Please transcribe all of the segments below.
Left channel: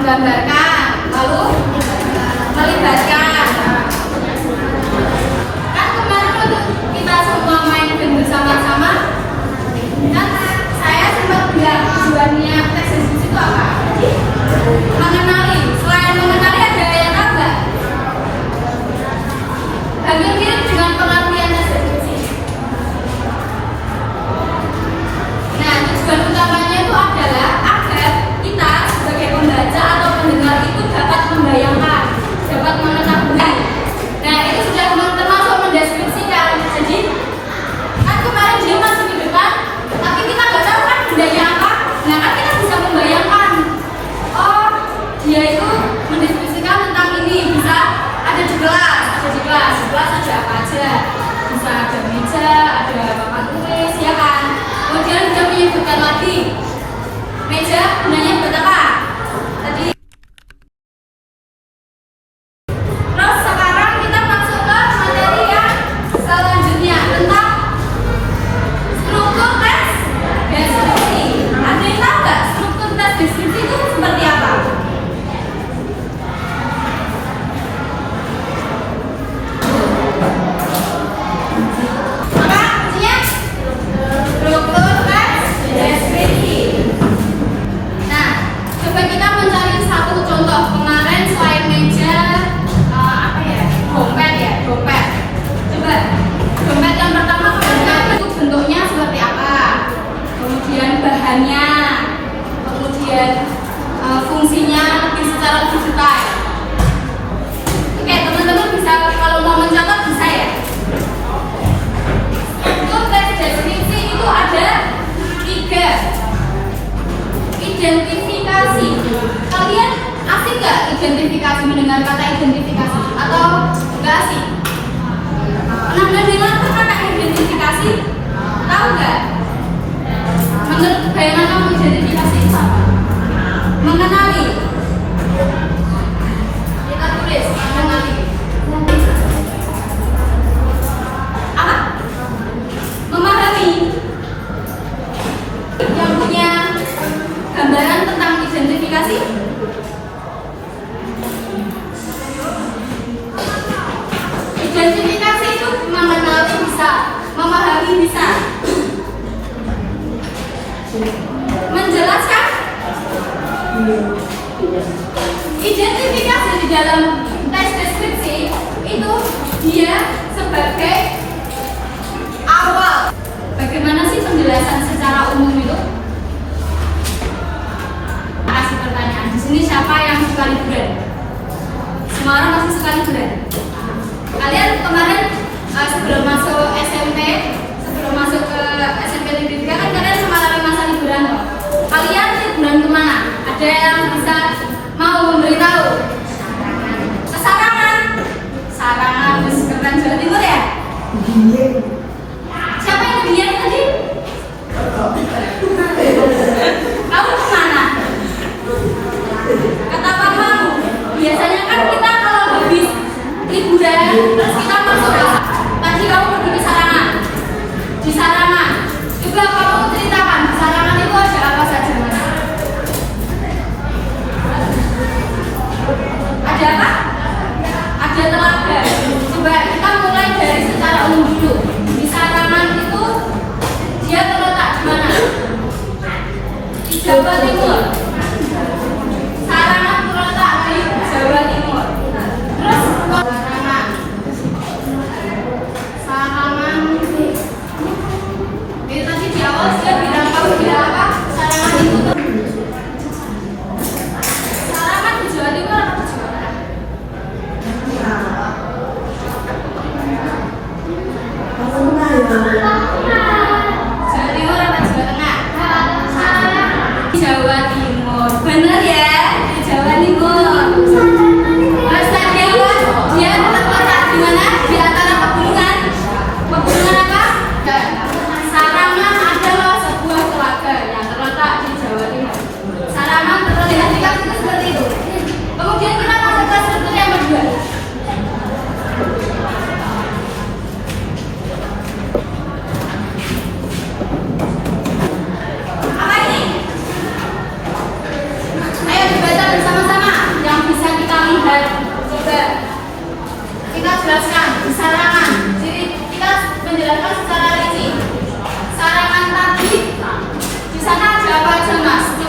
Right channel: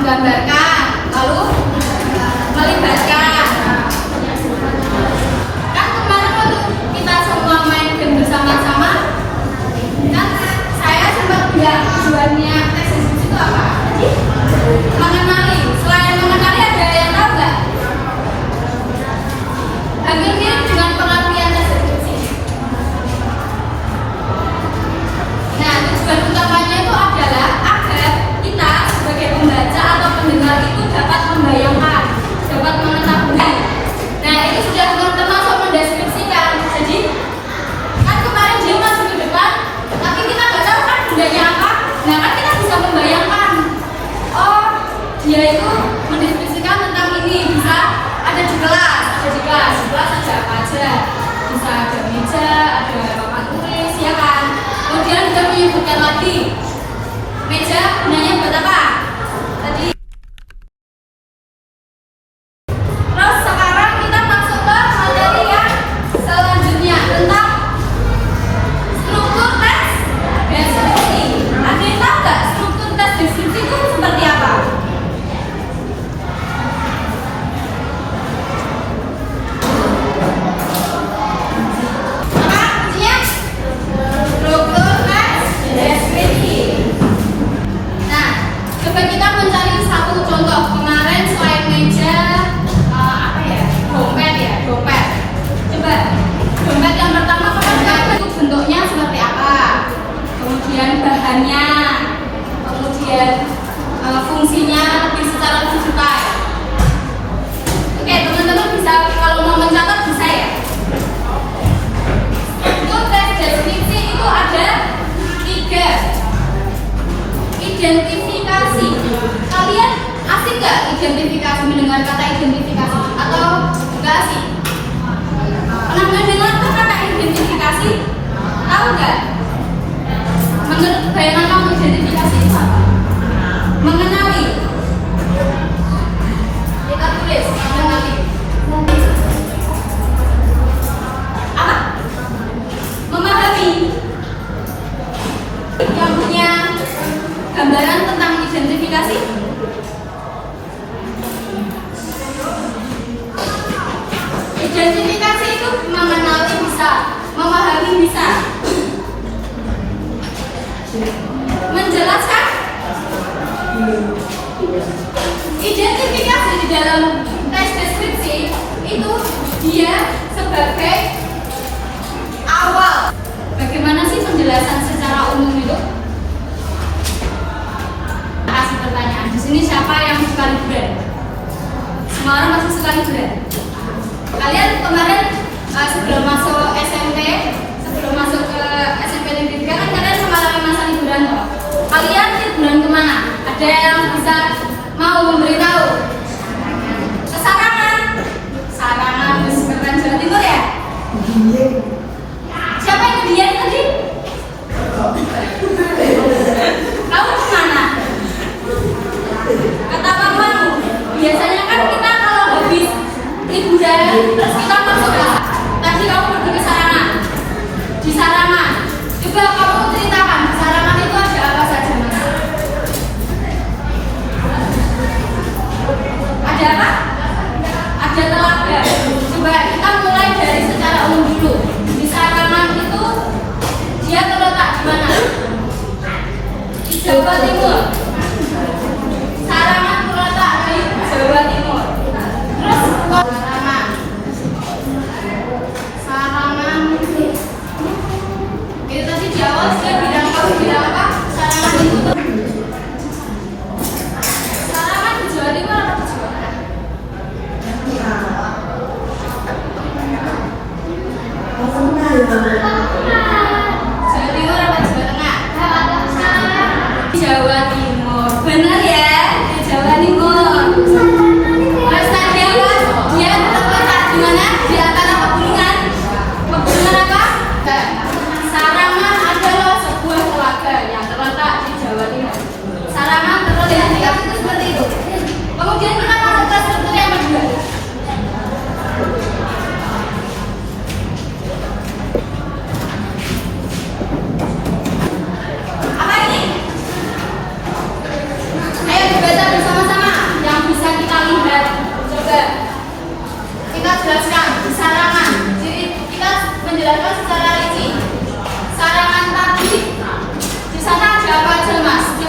menggambarkan, lalu melibatkan. Kan kemarin untuk kita semua main game bersama-sama, kan saya sempat bilang tujuannya teks deskripsi itu apa? Mengenali. Selain mengenali ada yang tahu nggak? Hampir mirip dengan pengertian teks deskripsi. Nah, tujuan utamanya itu adalah agar kita sebagai pembaca atau pendengar itu dapat membayangkan, dapat mengetahui. Nah, itu sudah termasuk mendeskripsikan. Jadi, kan kemarin dia masuk ke depan, tapi kita nggak tahu kan bendanya apa. Nah, kan kita bisa membayangkan. Oh, dia itu mendeskripsikan tentang ini. Bisa ada di kelas, di kelas ada apa aja. Bisa ada meja, ada papan tulis, ya kan. Kemudian kita menyebutkan lagi meja gunanya buat apa? Tadi. Terus sekarang kita masuk ke materi yang selanjutnya tentang struktur teks deskripsi. Ada yang tahu nggak struktur teks deskripsi itu seperti apa? Apa kuncinya? Struktur teks deskripsi. Nah, coba kita mencari satu contoh. Kemarin selain meja, dompet. Coba dompet yang pertama itu bentuknya seperti apa? Kemudian bahannya, kemudian fungsinya secara lebih detail. Oke, teman-teman bisa kalau mau mencatat bisa ya. Untuk teks deskripsi itu ada 3. Identifikasi. Kalian asik nggak identifikasi, mendengar kata identifikasi atau nggak asik? Pernah mendengar kata identifikasi? Tahu nggak? Menurut bayangan kamu identifikasi itu apa? Mengenali. Kita tulis mengenali. Apa? Memahami. Yang punya gambaran tentang identifikasi? Identifikasi itu mengenali bisa, memahami bisa, menjelaskan. Identifikasi di dalam teks deskripsi itu dia sebagai awal. Bagaimana sih penjelasan secara umum itu? Kasih pertanyaan. Di sini siapa yang suka liburan? Semua orang masih suka liburan. Kalian kemarin sebelum masuk SMP, sebelum masuk ke SMP Negeri kan kalian mengalami masa liburan loh. Kalian liburan kemana? Ada yang bisa mau memberitahu? Ke Sarangan. Sarangan, keren Jawa Timur ya? Siapa yang Dieng tadi? Kamu kemana? Kata Pak Maru, biasanya kan kita kalau habis liburan terus kita masuk lah. Tadi kamu pergi ke Sarangan. Di Sarangan juga kamu ceritakan di Sarangan itu ada apa saja, Mas? Ada apa? Ada telaga. Coba kita mulai dari secara umum dulu. Di Sarangan itu dia terletak di mana? Di Jawa Timur. Sarangan terletak di Jawa Timur. Terus Sarangan. Jadi tadi di awal sudah bilang apa? Sarangan itu Sarangan di Jawa Timur atau di Jawa Tengah? Jawa Timur apa Jawa Tengah? Jawa Timur.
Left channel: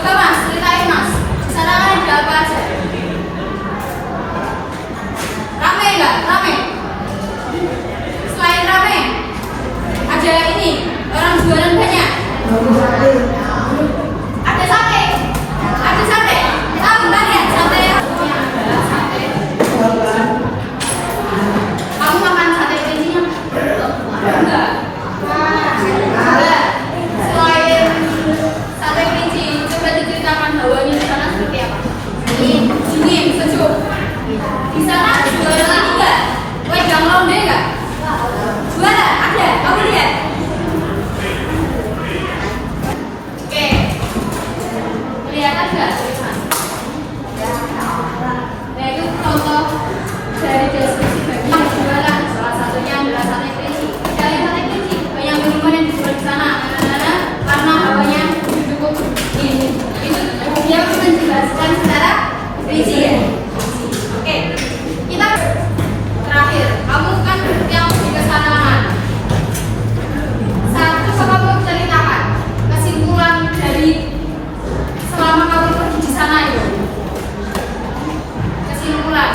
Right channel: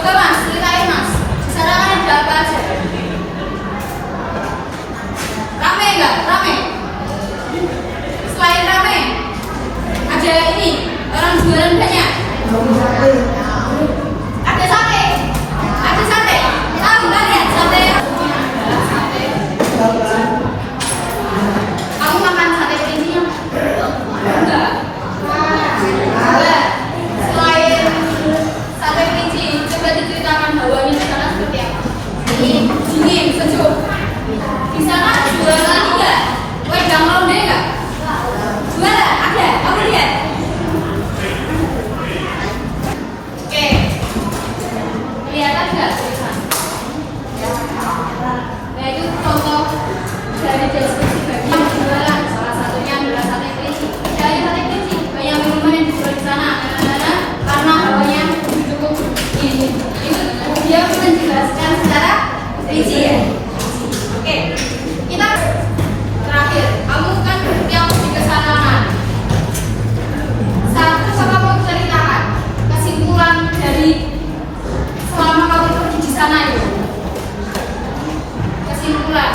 Coba Mas, ceritain Mas. Di sana kan ada apa aja? Rame nggak? Rame. Selain rame, ada ini orang jualan banyak. Ada sate. Ada sate. Tahu nggak lihat sate? Kamu makan sate kelinci nggak? Enggak. Selain sate kelinci, coba diceritakan hawanya di sana seperti apa? Dingin, sejuk. Di sana jualan ini nggak? Wedang ronde nggak? Gimana? Ada? Kamu lihat? Oke. Kelihatan nggak? Nah itu contoh dari deskripsi yang jualan. Salah satunya adalah sate kelinci. Dari sate kelinci banyak minuman yang dijual di sana. Karena hawanya cukup dingin. Itu dia menjelaskan secara rinci ya. Oke, kita terakhir. Kamu kan yang pergi ke sana. Satu coba mau ceritakan kesimpulan dari selama kamu pergi di sana itu. Kesimpulan.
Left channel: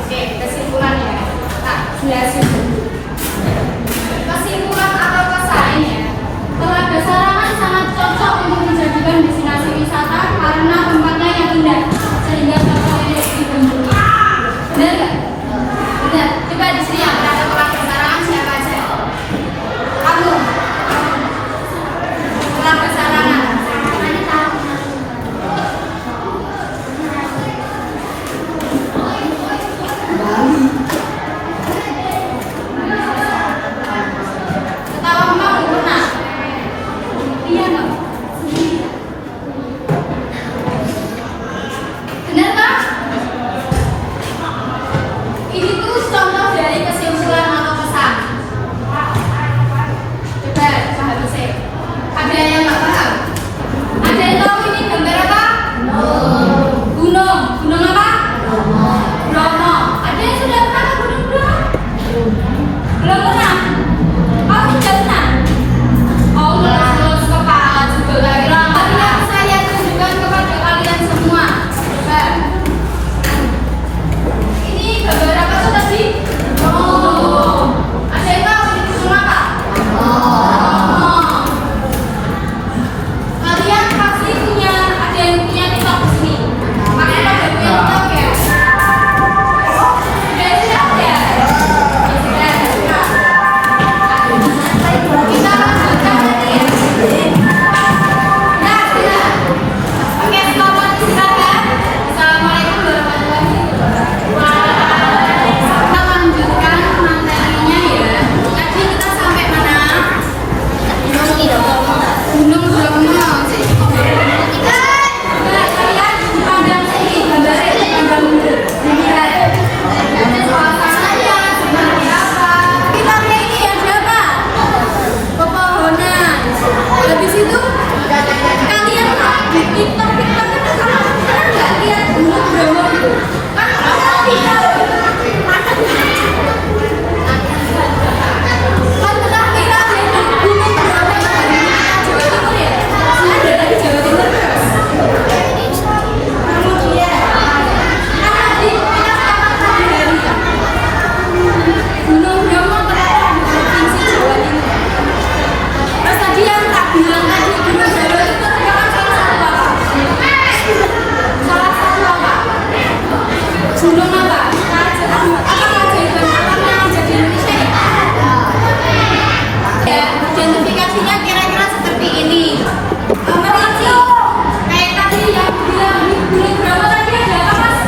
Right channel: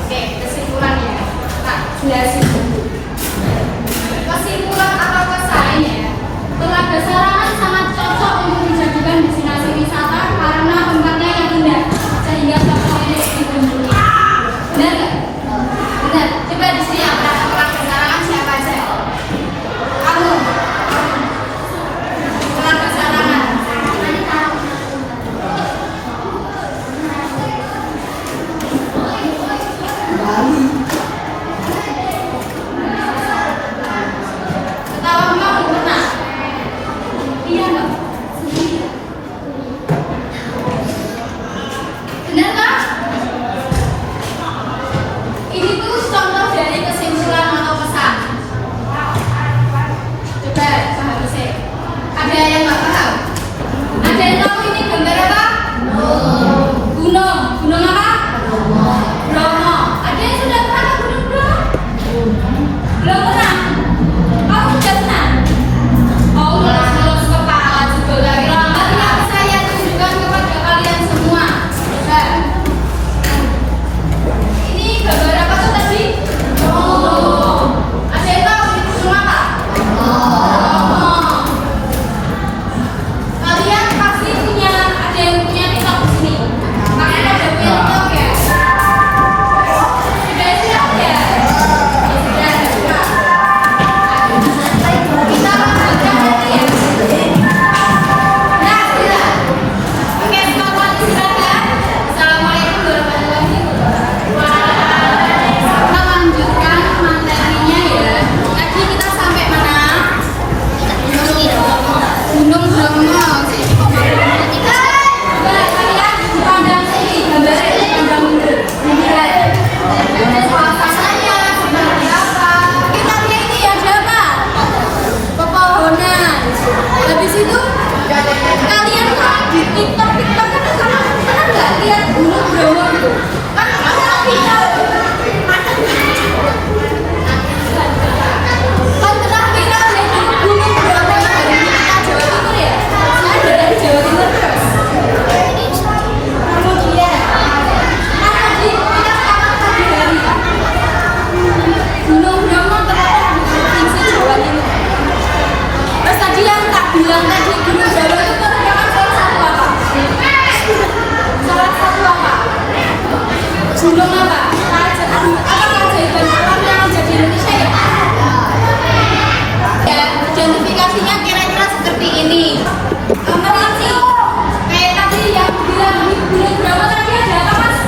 Oke, kesimpulannya. Tak jelasin dulu. Kesimpulan atau kesannya, Telaga Sarangan sangat cocok untuk dijadikan destinasi wisata karena tempatnya yang indah sehingga cocoknya dikunjungi. Benar nggak? Benar. Coba di sini yang pernah Telaga Sarangan siapa aja? Kamu. Telaga Sarangan. Ketawa kamu pernah? Iya nggak? Benar kan? Ini tuh contoh dari kesimpulan atau pesan. Coba habisnya. Ada yang nggak paham? Ada yang tahu ini gambar apa? Gunung. Gunung apa? Bromo. Ada yang sudah pernah ke Gunung Bromo? Belum pernah. Aku sudah pernah. Oh, terus kepala juga lagi lama. Saya tunjukkan kepada kalian semua. Coba. Ini gambar apa tuh tadi? Oh. Ada yang tahu ini gunung apa? Oh. Kalian pasti punya, ada yang punya tiktok di sini. Kalian ada tiktok ya? Sudah siap ya? Sudah. Kita lanjutkan nanti ya. Nah, benar. Oke, selamat istirahat. Assalamualaikum warahmatullahi wabarakatuh. Kita lanjutkan materinya ya. Tadi kita sampai mana? Gunung Bromo. Kalian pandang sini, gambarnya dipandang mundur. Suasananya seperti apa? Kita lihat ini ada apa? Pepohonan. Habis itu kalian di TikTok kan sama kan nggak lihat Gunung Bromo itu? Kan orang lihat. Kan pernah kita lihat Gunung Bromo dari Jawa Timur ya? Ada dari Jawa Timur terus. Kemudian kan tadi kita sepakat tadi dari Gunung Bromo terletak di provinsi Jawa Timur. Terus tadi yang tak bilang tadi Gunung Bromo itu merupakan salah satu apa? Salah satu apa? Gunung apa? Apa keajaiban alam yang ada di Indonesia ya? Ya, identifikasinya kira-kira seperti ini. Merinci. Kayak tadi yang bilang di Gunung Bromo tadi ada apa Mas?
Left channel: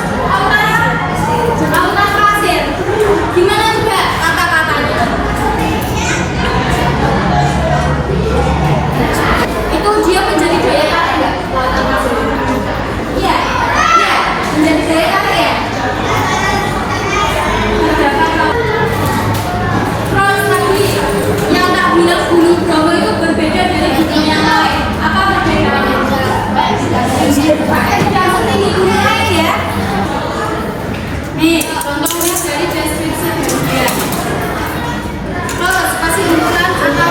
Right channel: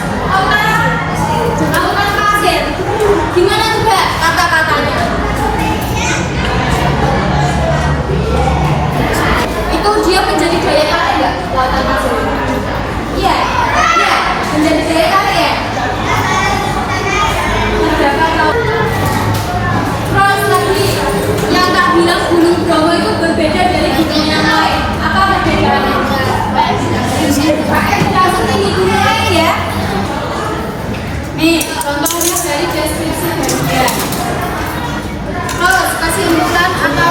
Lautan pasir. Gimana juga kata-katanya? Itu dia menjadi daya tarik nggak? Lautan pasir. Iya, iya, menjadi daya tarik ya. Terdapat laut. Terus tadi yang tak bilang Gunung Bromo itu berbeda dari gunung yang lain. Apa perbedaannya? Tidak seperti gunung lain ya. Nih, contohnya dari deskripsi gambar. Terus kesimpulan atau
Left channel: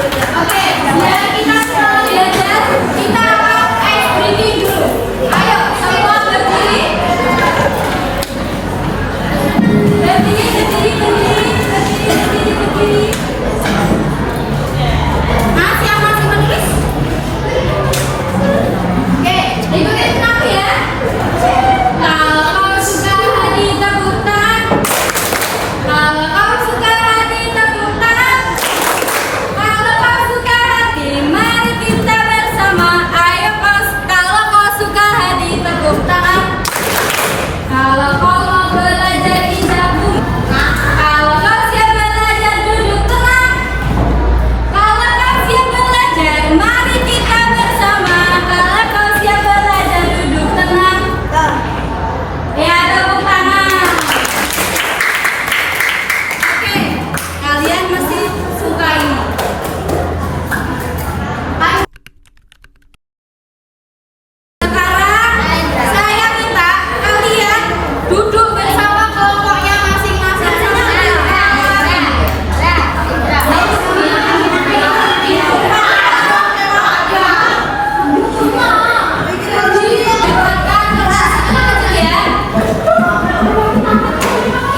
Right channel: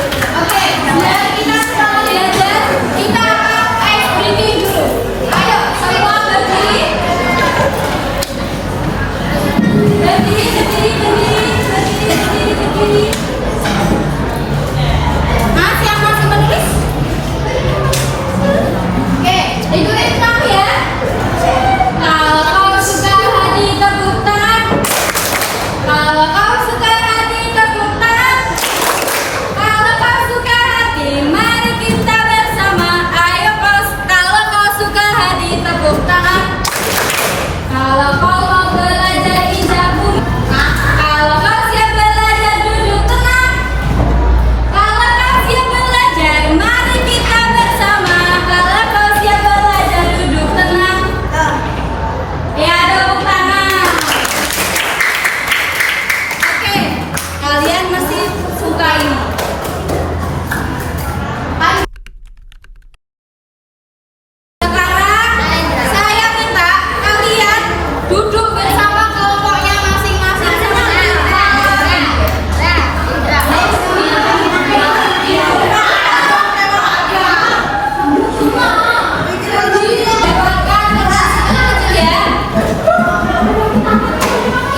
Oke, biar kita sekarang belajar, kita akan ice breaking dulu. Ayo, semua berdiri. Berdiri. Mas, yang masih menulis? Oke, ikutin aku ya. Kalau kamu suka hati tepuk tangan. Kalau kamu suka hati tepuk tangan. Kalau kau suka hati, mari kita bersama. Ayo kalau kau suka hati tepuk tangan. Kalau kau mau belajar indah bunyi. Kalau kau siap belajar duduk tenang. Kalau kau siap belajar, mari kita bersama. Kalau kau siap belajar duduk tenang. Ya, tepuk tangan. Oke, kalian masih suka ini? Sekarang saya minta kalian duduk bersama kelompoknya masing-masing.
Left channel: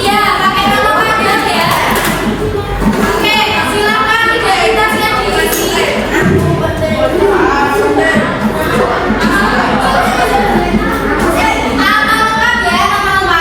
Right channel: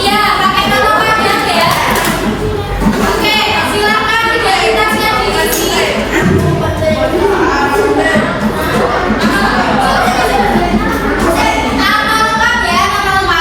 Iya, pakai nama aja ya. Oke, silakan identitasnya diisi. Nama lengkap ya, nama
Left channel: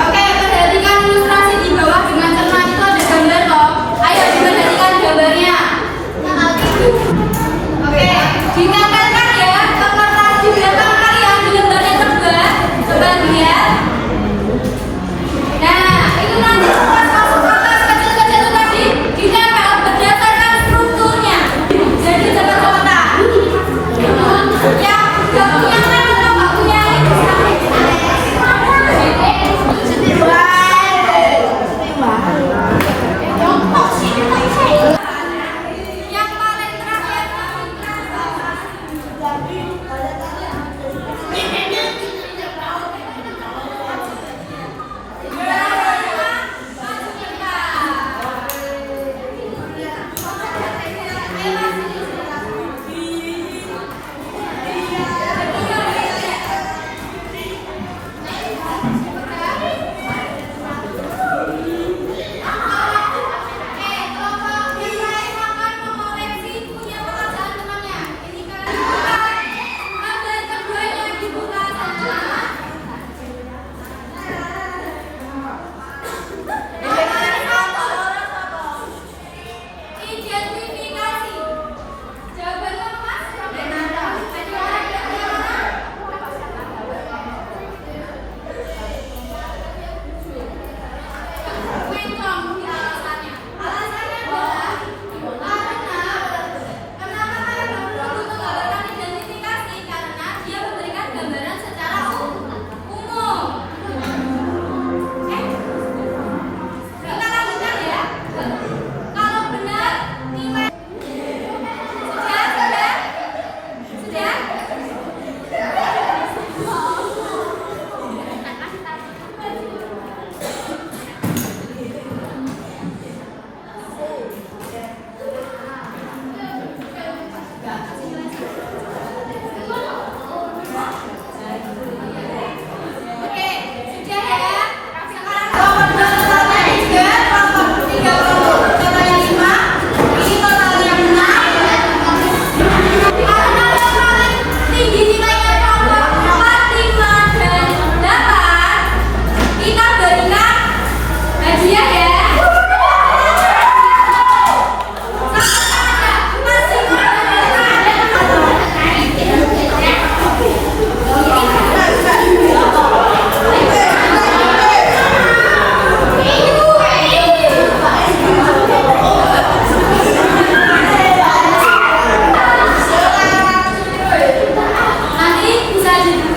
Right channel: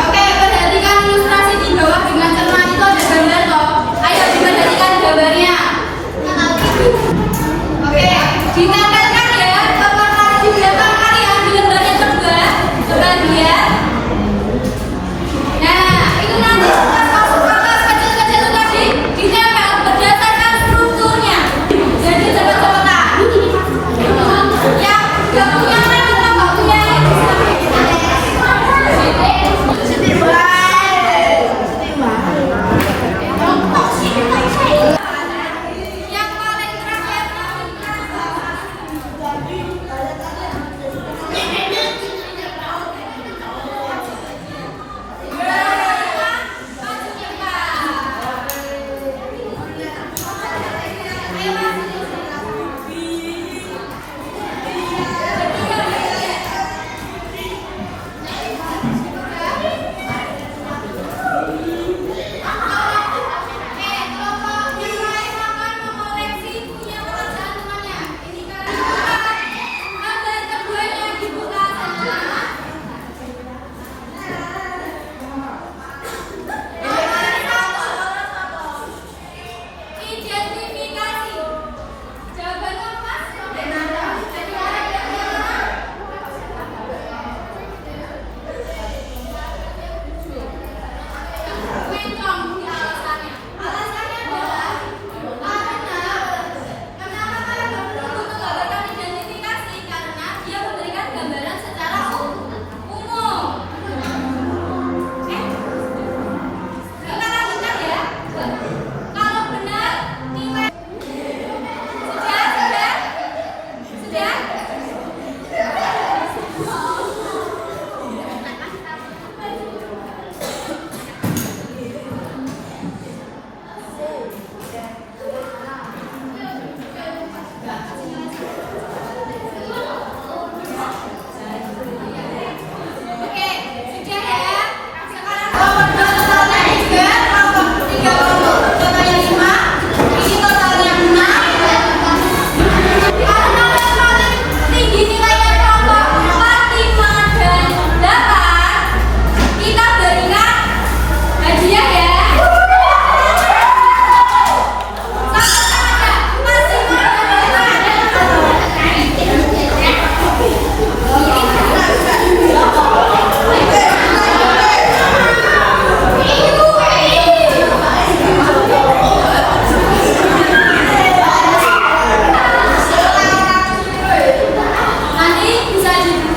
Oke, perhatikan ilustrasi di bawah dengan cermat itu ada gambar loh. Ayo perhatikan gambarnya. Oke, ditempelkan ya gambar di belakang kalian di lembar yang kedua. Coba lihat. Nah, itu nanti kertas kecil-kecil itu tadi ditempel berdasarkan strukturnya. Jadi cepat-cepatan. Yang gak punya nama gak punya. Yang paling terakhir di